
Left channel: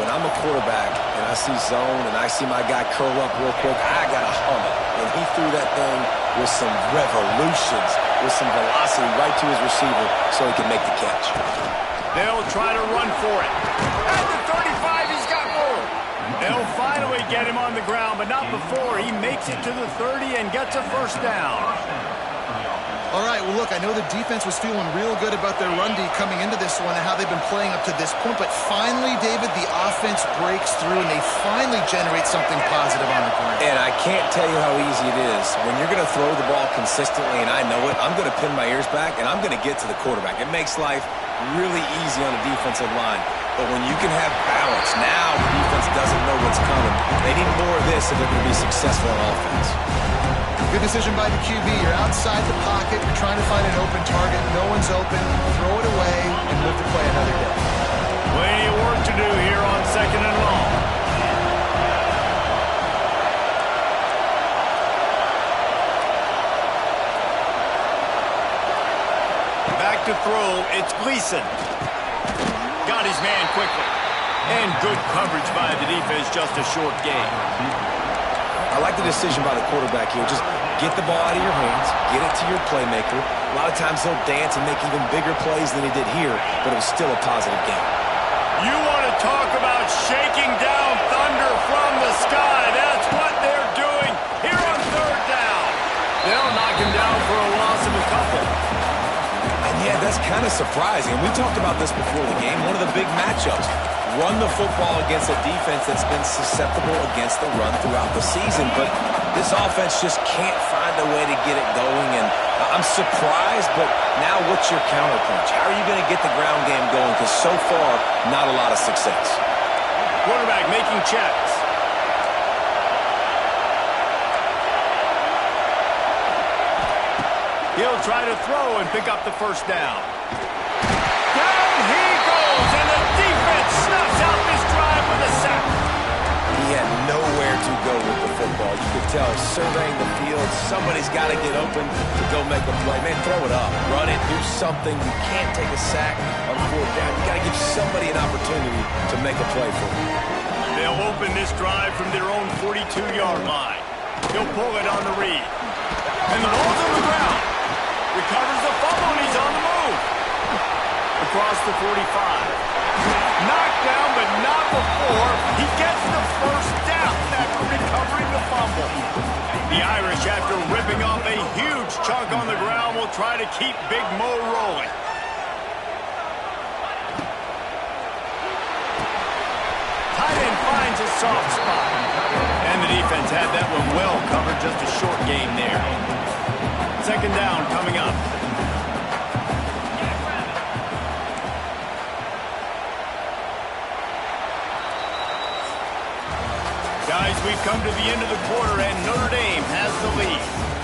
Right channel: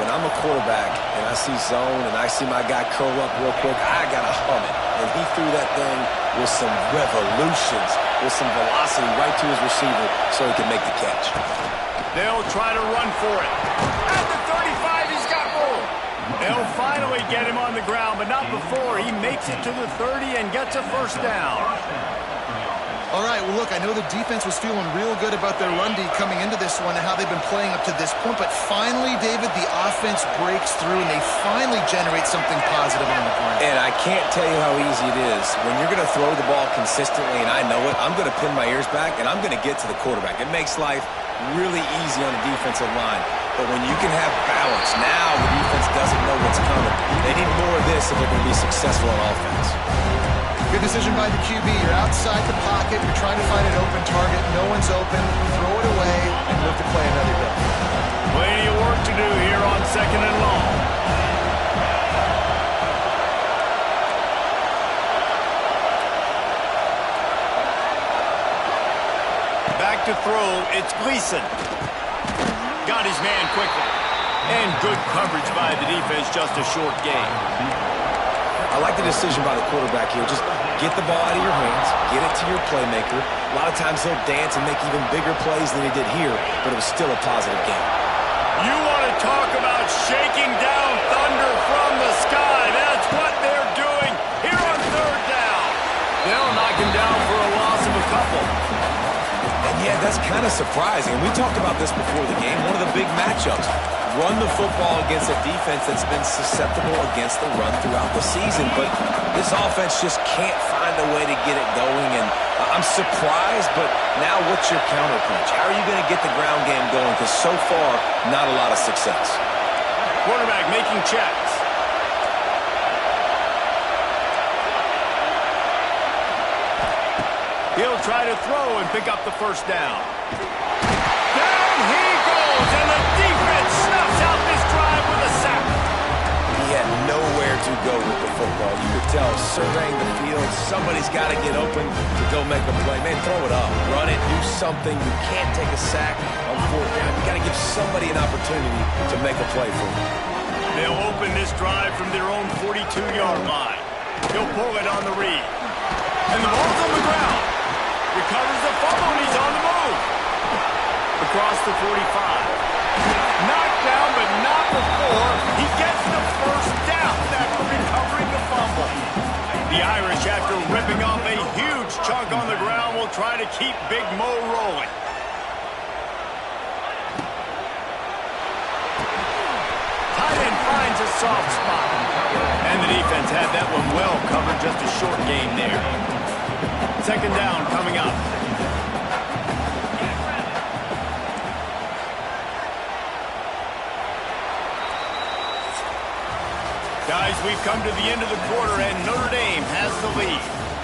When I'm a quarterback and I see zone and I see my guy curl up real quick, I got to hum it. And he threw that thing with some revolutions, with some velocity right to his receiver so he can make the catch. They'll try to run for it. At the 35, he's got room. They'll finally get him on the ground, but not before he makes it to the 30 and gets a first down. All right, well, look, I know the defense was feeling real good about their run D coming into this one and how they've been playing up to this point, but finally, David, the offense breaks through and they finally generate something positive on the ground. And I can't tell you how easy it is. When you're going to throw the ball consistently, and I know it, I'm going to pin my ears back and I'm going to get to the quarterback. It makes life really easy on the defensive line. But when you can have balance, now the defense doesn't know what's coming. They need more of this if they're going to be successful on offense. Good decision by the QB. You're outside the pocket. You're trying to find an open target. No one's open. Throw it away and live to play another day. Plenty of work to do here on second and long. Back to throw. It's Gleason. Got his man quickly. And good coverage by the defense. Just a short gain. I like the decision by the quarterback here. Just get the ball out of your hands, get it to your playmaker. A lot of times he'll dance and make even bigger plays than he did here, but it was still a positive game. You want to talk about shaking down thunder from the sky. That's what they're doing here on third down. They'll knock him down for a loss of a couple. And yeah, that's kind of surprising. We talked about this before the game. One of the big matchups. Run the football against a defense that's been susceptible against the run throughout the season. But this offense just can't find a way to get it going. And I'm surprised, but now what's your counterpunch? How are you going to get the ground game going? Because so far, not a lot of success. Quarterback making checks. He'll try to throw and pick up the first down. Down he goes, and the defense snuffs out this drive with a sack. He had nowhere to go with the football. You could tell, surveying the field, somebody's got to get open to go make a play. Man, throw it up. Run it. Do something. You can't take a sack on fourth down. You got to give somebody an opportunity to make a play for you. They'll open this drive from their own 42-yard line. He'll pull it on the read. And the ball's on the ground. Recovers the fumble, and he's on the move. Across the 45. Knocked down, but not before he gets the first down after recovering the fumble. The Irish, after ripping off a huge chunk on the ground, will try to keep Big Mo rolling. Tight end finds a soft spot. And the defense had that one well covered, just a short game there. Second down coming up. Guys, we've come to the end of the quarter, and Notre Dame has the lead.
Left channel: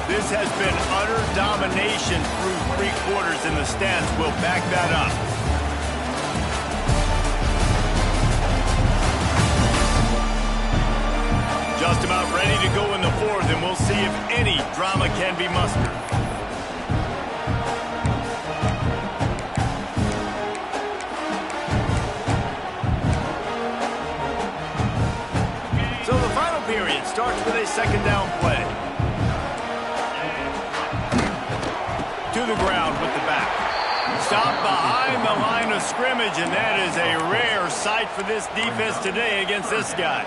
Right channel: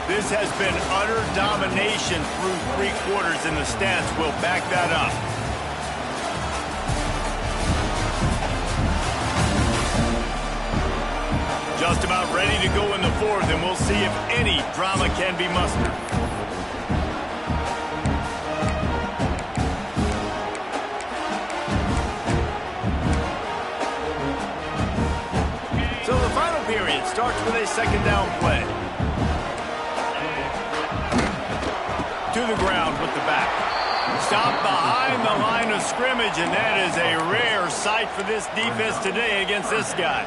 This has been utter domination through 3 quarters, and the stats will back that up. Just about ready to go in the fourth, and we'll see if any drama can be mustered. So the final period starts with a second down play. To the ground with the back. Stop behind the line of scrimmage, and that is a rare sight for this defense today against this guy.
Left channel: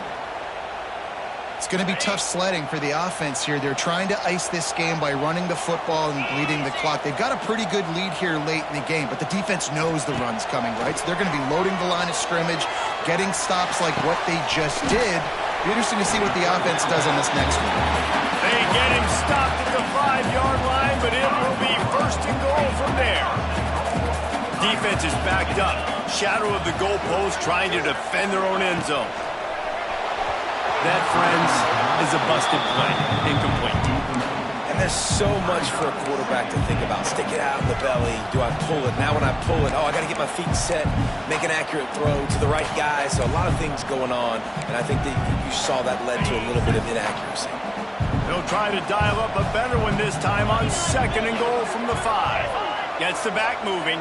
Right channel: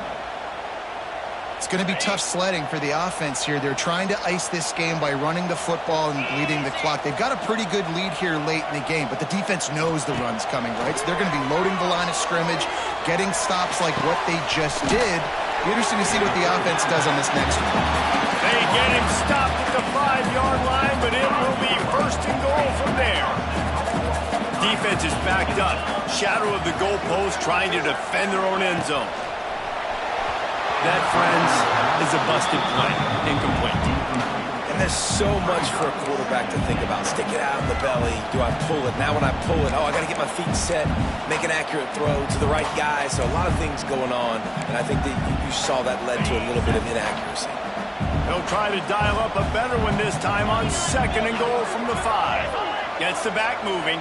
It's going to be tough sledding for the offense here. They're trying to ice this game by running the football and bleeding the clock. They've got a pretty good lead here late in the game, but the defense knows the run's coming, right? So they're going to be loading the line of scrimmage, getting stops like what they just did. Be interesting to see what the offense does on this next one. They get him stopped at the 5-yard line, but it will be first and goal from there. Defense is backed up. Shadow of the goalpost, trying to defend their own end zone. That, friends, is a busted play. Incomplete. And there's so much for a quarterback to think about. Stick it out in the belly. Do I pull it? Now when I pull it, I got to get my feet set, make an accurate throw to the right guy. So a lot of things going on, and I think that you saw that led to a little bit of inaccuracy. They'll try to dial up a better one this time on second and goal from the 5. Gets the back moving.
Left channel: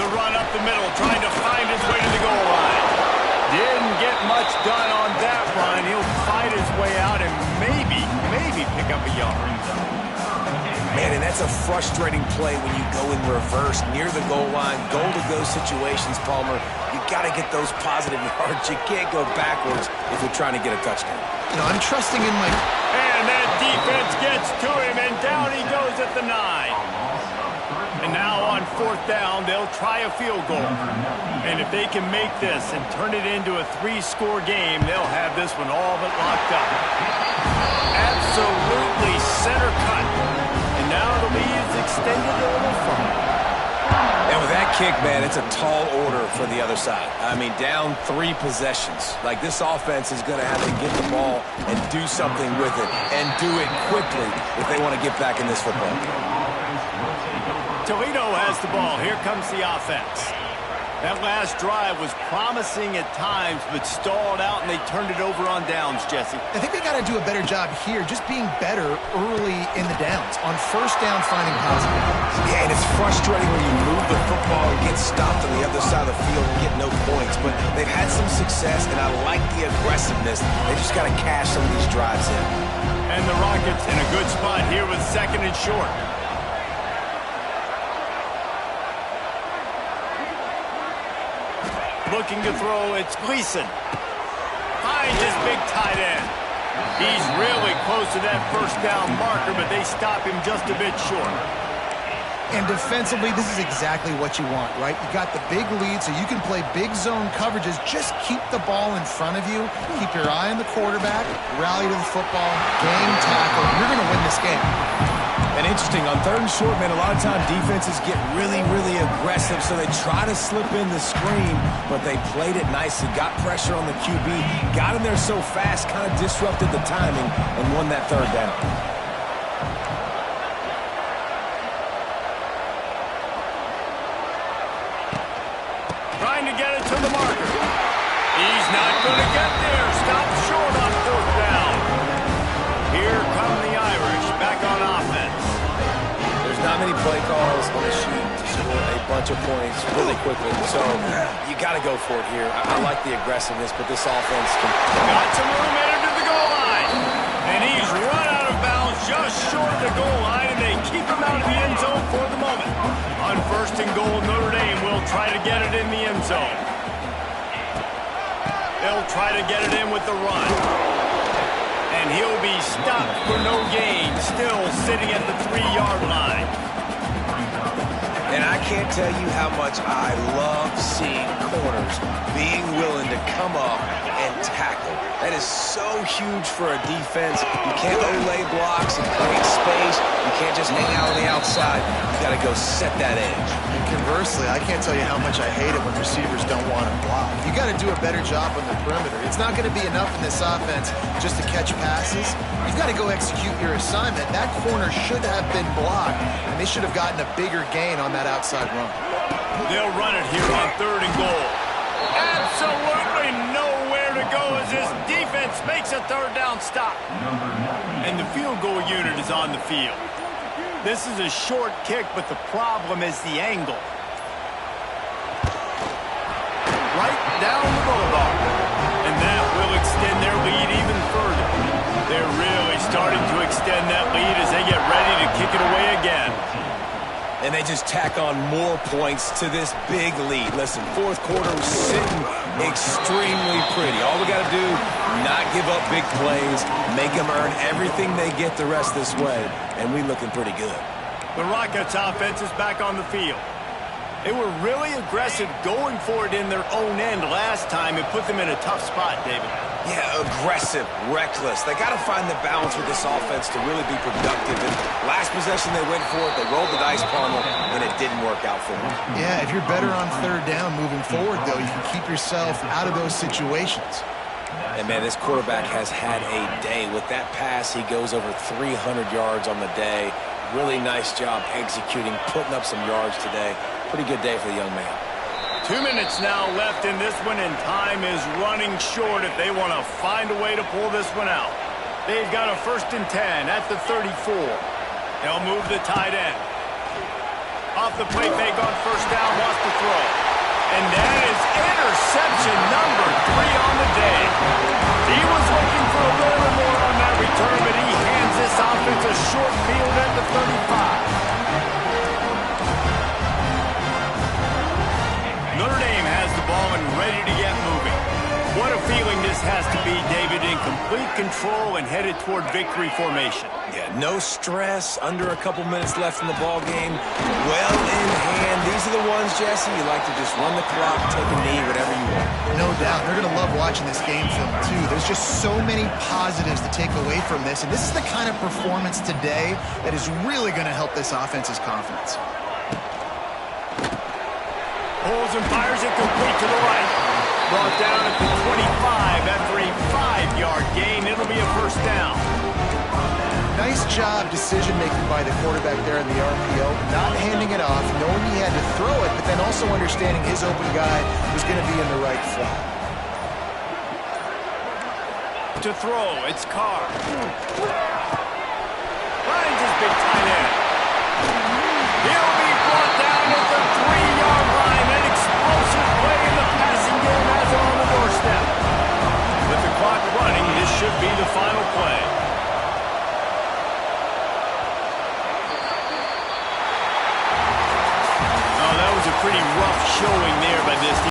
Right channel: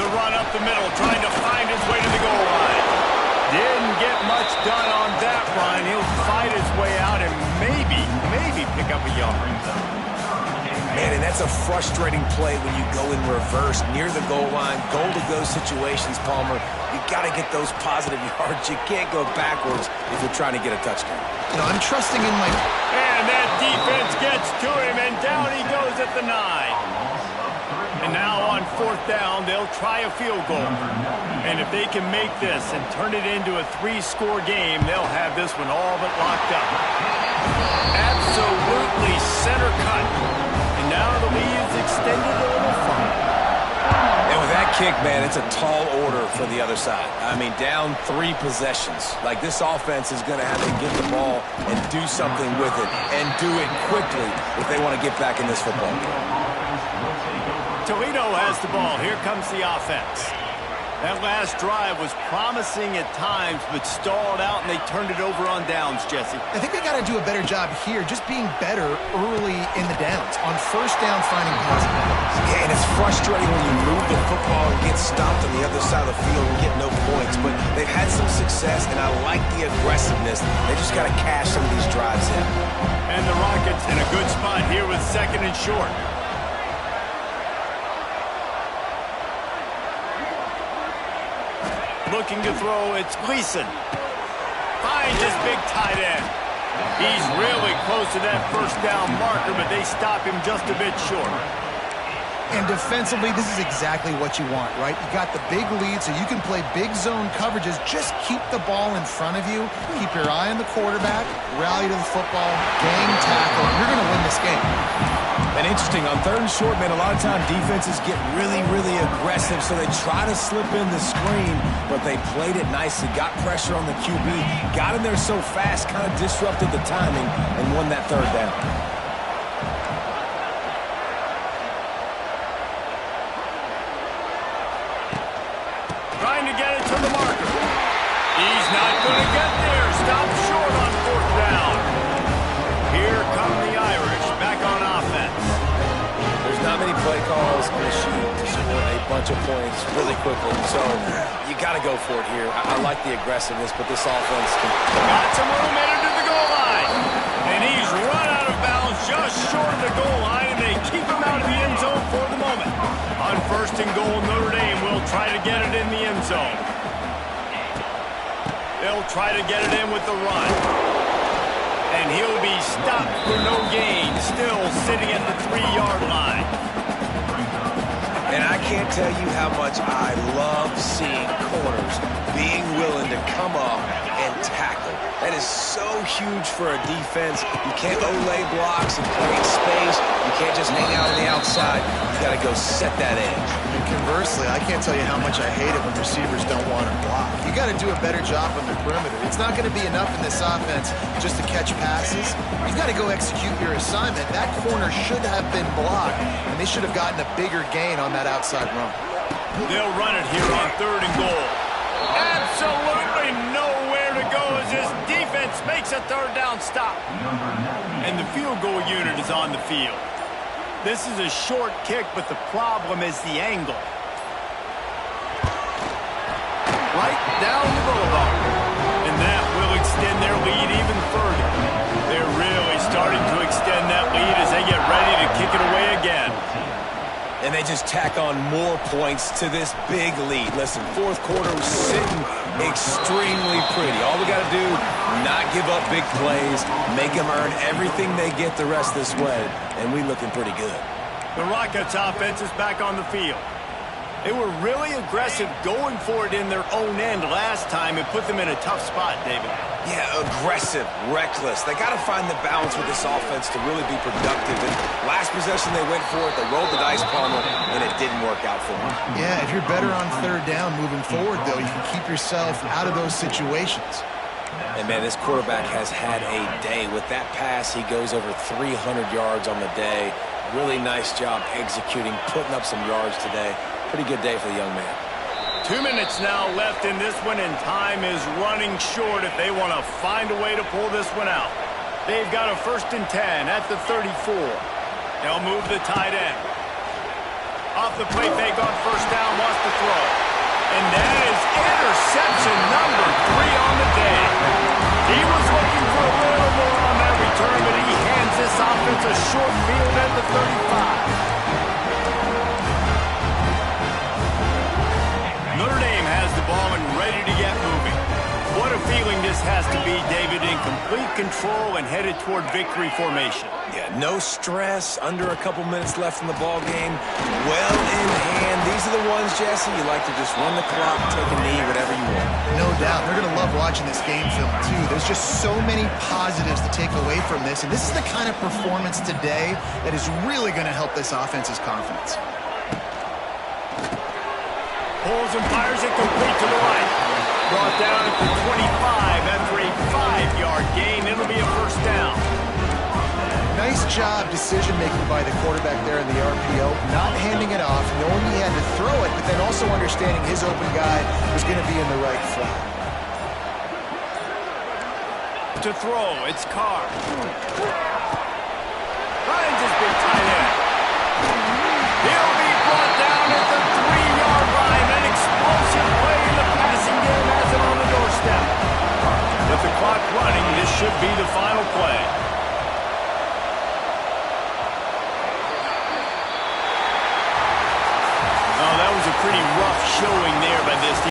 The run up the middle, trying to find his way to the goal line. Didn't get much done on that run. He'll fight his way out and maybe pick up a yard. Man, and that's a frustrating play when you go in reverse near the goal line, goal-to-go situations, Palmer. You got to get those positive yards. You can't go backwards if you're trying to get a touchdown. You know, I'm trusting in my... And that defense gets to him, and down he goes at the 9. And now on fourth down, they'll try a field goal. And if they can make this and turn it into a 3-score game, they'll have this one all but locked up. Absolutely center cut. And now the lead is extended a little further. And with that kick, man, it's a tall order for the other side. I mean, down 3 possessions. Like, this offense is going to have to get the ball and do something with it, and do it quickly if they want to get back in this football game. Toledo has the ball. Here comes the offense. That last drive was promising at times, but stalled out, and they turned it over on downs, Jesse. I think they got to do a better job here, just being better early in the downs. On first down, finding positive plays. Yeah, and it's frustrating when you move the football and get stopped on the other side of the field and get no points. But they've had some success, and I like the aggressiveness. They just got to cash some of these drives in. And the Rockets in a good spot here with 2nd and short. Looking to throw, it's Gleason. Finds his big tight end. He's really close to that first down marker, but they stop him just a bit short. And defensively, this is exactly what you want, right? You got the big lead, so you can play big zone coverages. Just keep the ball in front of you. Keep your eye on the quarterback. Rally to the football. Game tackle. You're going to win this game. And interesting, on 3rd and short, man, a lot of time defenses get really, really aggressive, so they try to slip in the screen, but they played it nicely, got pressure on the QB, got in there so fast, kind of disrupted the timing, and won that 3rd down. Trying to get it to the marker. He's not going to get there. Stop short on 4th down. Here come the Irish back on offense. There's not many play calls on the sheet to score a bunch of points really quickly, so you got to go for it here. I like the aggressiveness, but this offense can... Got some room headed to the goal line. And he's run out of bounds just short of the goal line, and they keep him out of the end zone for the moment. On 1st and goal, Notre Dame will try to get it in the end zone. They'll try to get it in with the run. And he'll be stopped for no gain, still sitting at the 3-yard line. And I can't tell you how much I love seeing corners being willing to come up and tackle. That is so huge for a defense. You can't lay blocks and create space. You can't just hang out on the outside. You got to go set that edge. And conversely, I can't tell you how much I hate it when receivers don't want to block. You got to do a better job on the perimeter. It's not going to be enough in this offense just to catch passes. You've got to go execute your assignment. That corner should have been blocked, and they should have gotten a bigger gain on that outside run. They'll run it here on 3rd and goal. Absolutely nowhere to go as this defense makes a 3rd down stop. And the field goal unit is on the field. This is a short kick, but the problem is the angle. Right down the boulevard. And that will extend their lead even further. They're really starting to extend that lead as they get ready to kick it away again. And they just tack on more points to this big lead. Listen, 4th quarter was sitting extremely pretty. All we got to do, not give up big plays, make them earn everything they get the rest this way, and we looking pretty good. The Rockets offense is back on the field. They were really aggressive going for it in their own end last time. It put them in a tough spot, David. Yeah, aggressive, reckless. They got to find the balance with this offense to really be productive. And last possession, they went for it. They rolled the dice, Palmer, and it didn't work out for them. Yeah, if you're better on 3rd down moving forward, though, you can keep yourself out of those situations. And, man, this quarterback has had a day. With that pass, he goes over 300 yards on the day. Really nice job executing, putting up some yards today. Pretty good day for the young man. 2 minutes now left in this one, and time is running short if they want to find a way to pull this one out. They've got a 1st and 10 at the 34. They'll move the tight end. Off the play fake on 1st down, wants to throw. And that is interception number 3 on the day. He was looking for a little more on that return, but he hands this offense a short field at the 35. Notre Dame has the ball and ready to get moving. What a feeling this has to be, David, in complete control and headed toward victory formation. Yeah, no stress, under a couple minutes left in the ball game. Well in hand. These are the ones, Jesse, you like to just run the clock, take a knee, whatever you want. No doubt. They're going to love watching this game film, too. There's just so many positives to take away from this, and this is the kind of performance today that is really going to help this offense's confidence. Pulls and fires it complete to the right. Brought down at the 25 after a 5-yard gain. It'll be a 1st down. Nice job decision-making by the quarterback there in the RPO, not handing it off, knowing he had to throw it, but then also understanding his open guy was going to be in the right flat. To throw, it's Carr. Finds his big tight end. He'll be brought down at the 3-yard line. An explosive play in the passing game has him on the doorstep. With the clock running, this should be the final play. Oh, that was a pretty rough showing there by this team.